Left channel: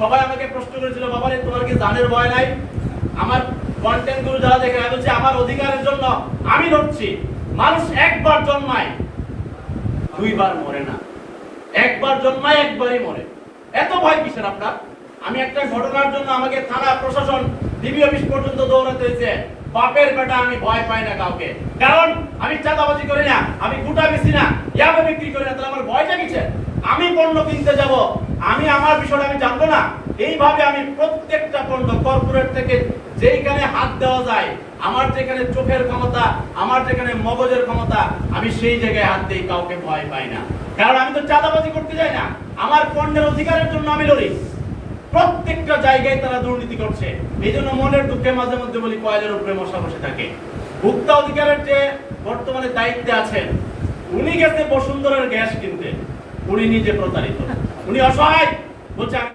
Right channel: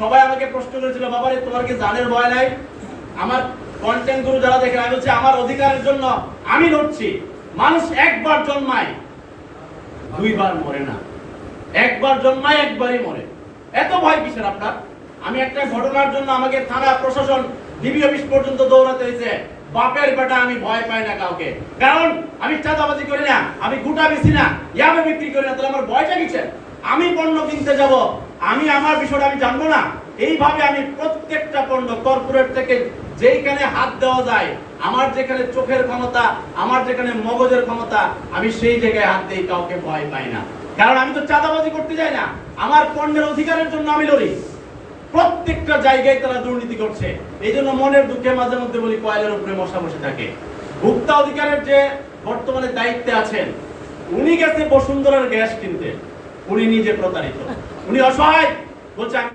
সবাই আমাকে প্রশ্ন করেছিল, বাবারে তোমার কি জানের ভয় নাই? আমার কন্টেন্ট গুলো যারা দেখে, আমি বলছি আমার অধিকারের জন্য আমি লড়ছি। মানুষ একবার জন্মায়, দুইবার মরে না। একবার জন্মায়, একবারই মরে। এত ভয় কিসের আপনার? আমি একটা ঘটনার জন্য আমাকে থানা প্রশাসন ডিবি অফিস পর্যন্ত দৌড়াতে হয়েছে। বাপের বেটা, আমি ভয় পাই না কাউকে, কারণ আমি চাঁদাবাজি করি না, আমি গুটা বেশি না, ইয়াবে বিক্রি করি না। তাহলে আমার ভয়টা কিসের? আমি পণ্য কিনতে যাব, আমি আমার বিষয়টা আমি জানবো না? এইভাবে আমি প্রত্যেকটা পণ্য কর্পোরেট থেকে যেখানে হাত দেওয়া যায়, আমার যেখানে চোখের ক্ষমতা, আমার যেখানে মগজের ক্ষমতা, আমি সেই জায়গায় হাত দিই, কাউকে ভয় পাই না। কারণ আমি তো চাঁদাবাজি করতে যাই না, আমার পণ্যের অধিকারের জন্য আমি লড়ি। প্রত্যেকটা জায়গায় তারা দুর্নীতি করছে। এই জন্য মনের দুঃখে মাঝে মধ্যে বলি, কয়লার উপরে মশা বসে থাকে। ভোক্তা অধিকারের যে বর্তমানে দায়িত্বে আছেন, উনি গেছে বসুন্ধরার গ্যাস কিনতে, উনি নিজে প্রতারিত, উনি অসহায়, বলছে